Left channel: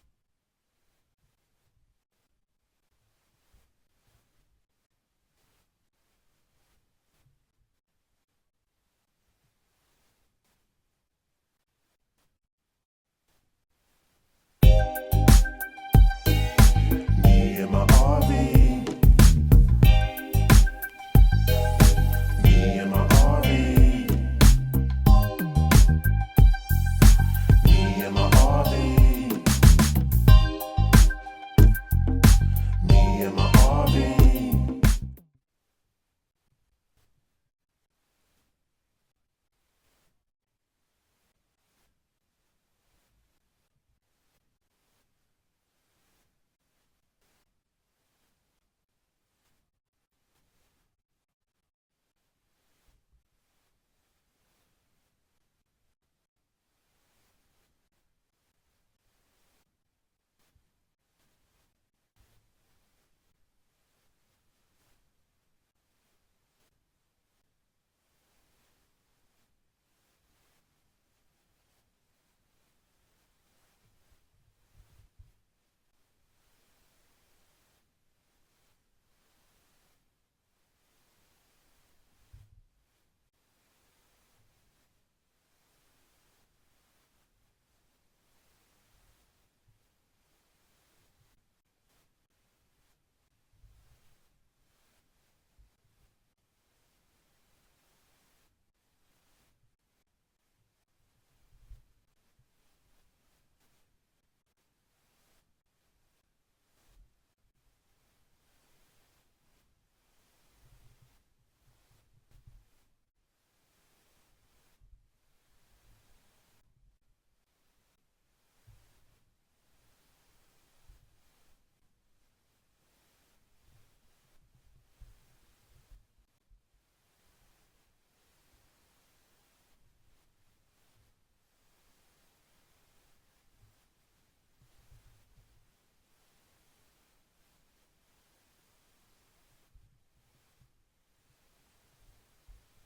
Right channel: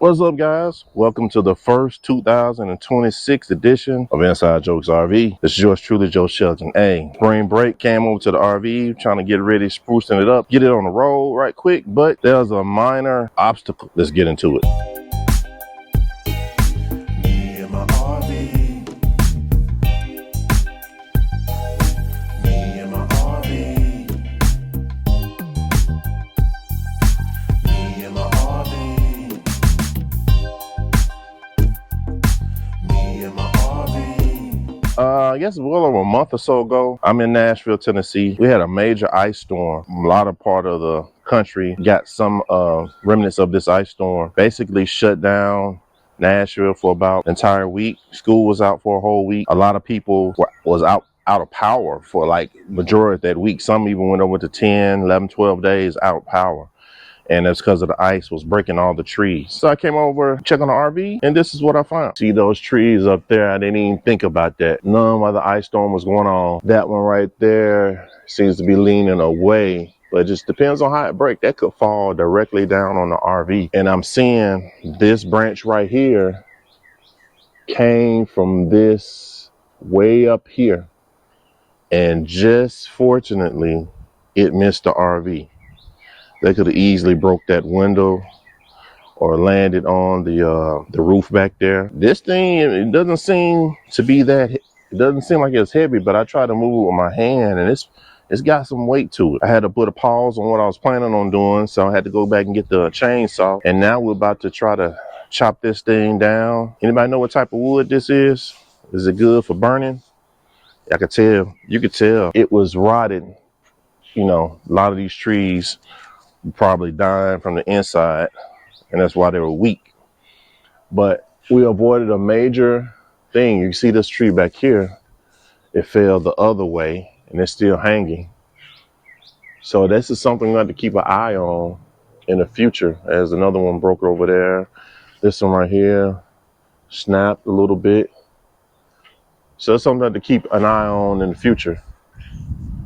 What's up, guys? Welcome to the first 2026 edition of Inside Jokes RV. This is yours truly, Joe Shelton. Hey, spring break, came over to the RV, trying to get ready, sprucing it up, get it on the road right quick, but there's a minor obstacle. Let's get into it. Me and my RV. Me and my RV. Me and my RV. Me and my RV. I guess a little over a month or so ago, I'm in Nashville, Tennessee. We had a major ice storm. A lot of part of the country got some remnants of this ice storm. Basically shut down Nashville for about an entire week. School was out for a whole week. A lot of people was out of power for like majority of that week. Some even went over to 10, 11, 12 days out of power. And that's because of the ice was breaking all the trees. So I came over, check on the RV, and this is what I found. See those trees up there? I didn't even think about that. None while the ice storm was going on. That one right there seems to be leaning away, but it just depends on how it breaks. That could fall directly down on the RV. And I'm seeing this branch right here came from this way up here. And just fortunately, it missed the RV. They could have easily broke that window or landed on the roof back there. This thing, it doesn't seem to be that, it doesn't seem like it's heavy, but I tried to move it with my hand and it's got some weight to it. I had to put a pause on what I was planning on doing, so I had to go back and get the chainsaw. And now we're about to try to chop this thing down. Anybody know what type of wood this is? Is it good for burning? I could tell, you could tell it was rotted. You know, a lot of these trees probably dying from the inside, and that's why they were weak. But we avoided a major thing. You see this tree back here, it fell the other way and it's still hanging. So this is something we have to keep an eye on in the future. As another one broke over there. This one right here snapped a little bit. So it's something to keep an eye on in the future.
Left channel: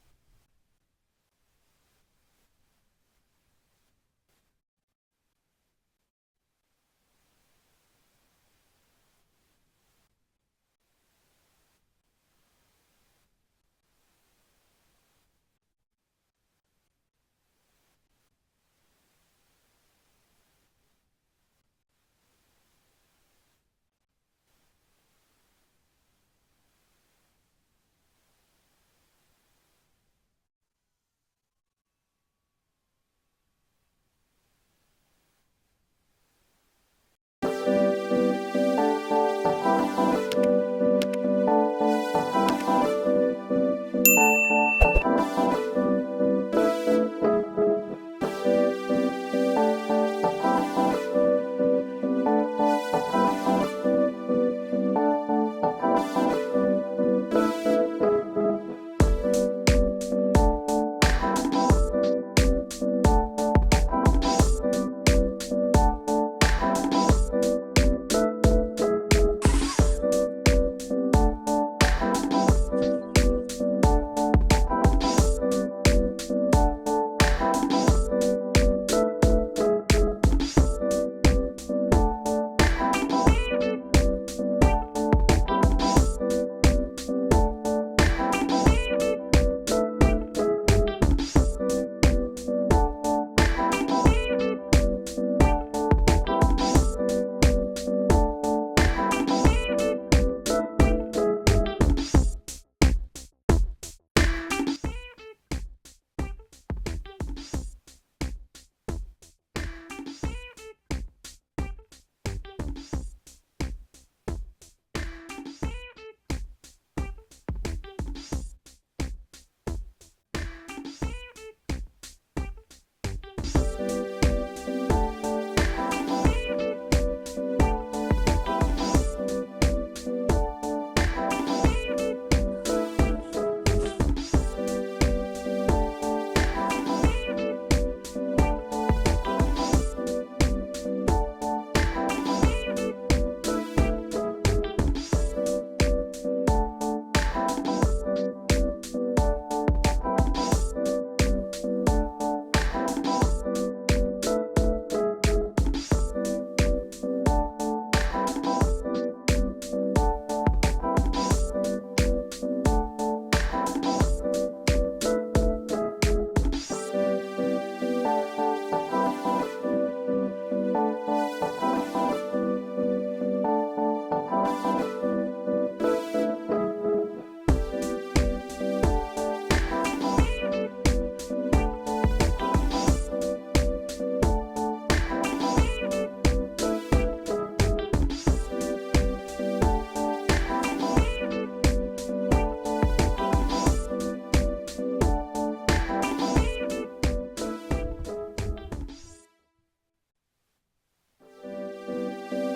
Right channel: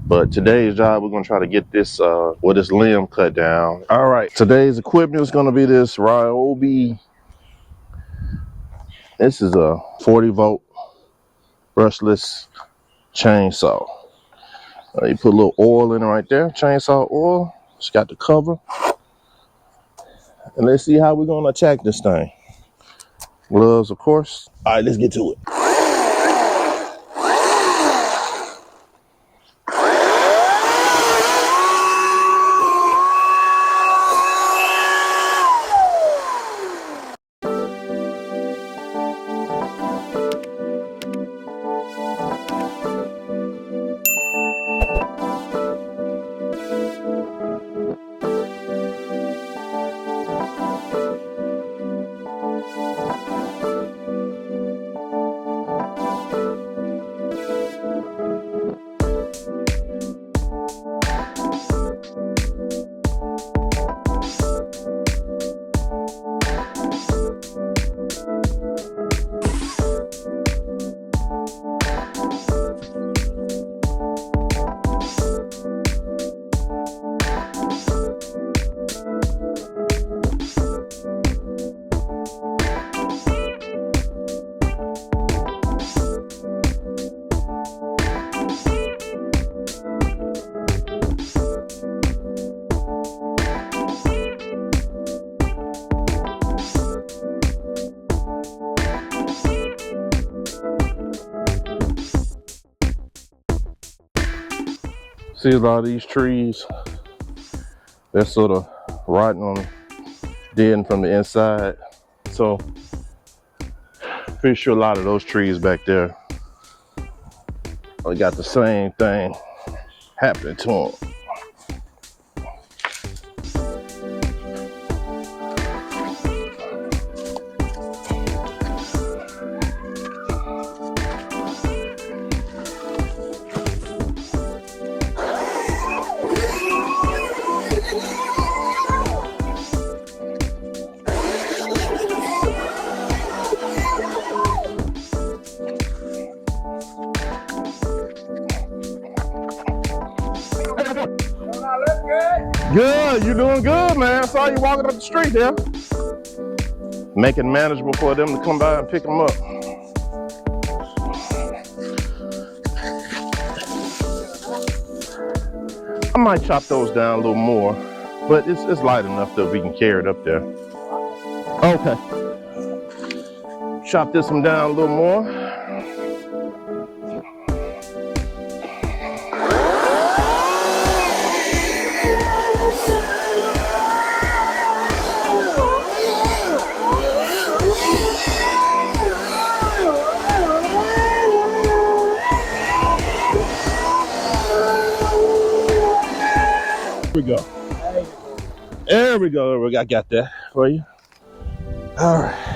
But today's job, we're gonna try to get this this limb cut down. All right, today's equipment is gonna be this Ryobi. This is a 40-volt brushless chainsaw. You put a little oil in it right there, chainsaw oil. It's got the cover. And let's see how we're gonna attack this thing. Gloves, of course. All right, let's get to it. See a lot of these trees, they're sort of rotting on dead from the inside. So pretty sure a lot of those trees back there, they got the same thing happening to them. Good, you doing good, man. I saw you walking up the street there. make it manageable for them to come by and pick them up. I might chop those down a little more, but it's light enough that we can carry it up there. Okay. Chop this one down a little more. There we go. There we go. I got that for you. All right.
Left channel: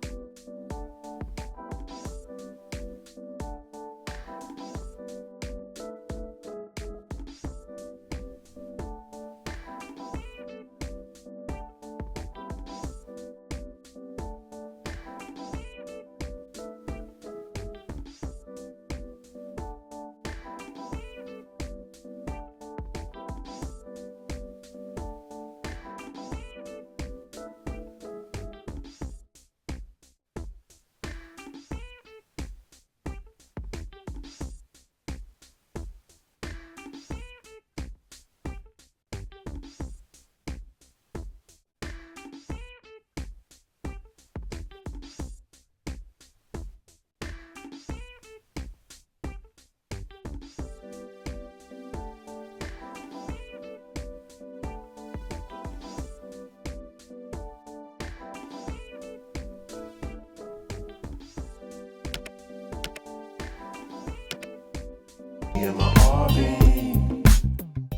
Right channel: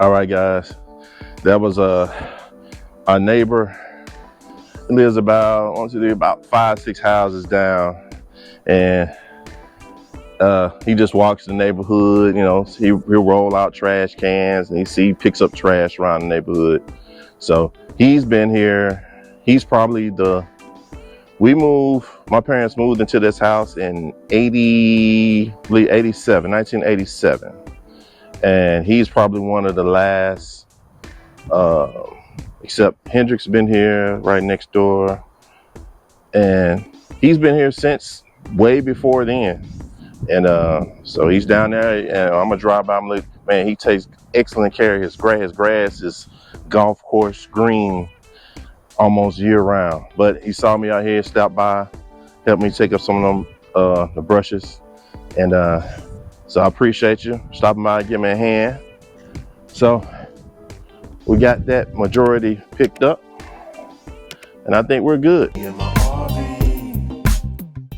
All right, guys, that was our neighbor. He lives about 5-6 houses down, and he just walks the neighborhood. You know, he'll roll out trash cans, and he picks up trash around the neighborhood. So he's been here. He's probably my parents moved into this house in 1987. And he's probably one of the last, except Hendrick's been here right next door. And he's been here since way before then. And so he's down there, and I'm gonna drive by. I'm like, man, he takes excellent care of his grass. His grass is golf course green almost year round. But he saw me out here, stopped by, helped me take up some of them, the brushes. And so I appreciate you stopping by and giving me a hand. So we got that majority picked up, and I think we're good. Me and my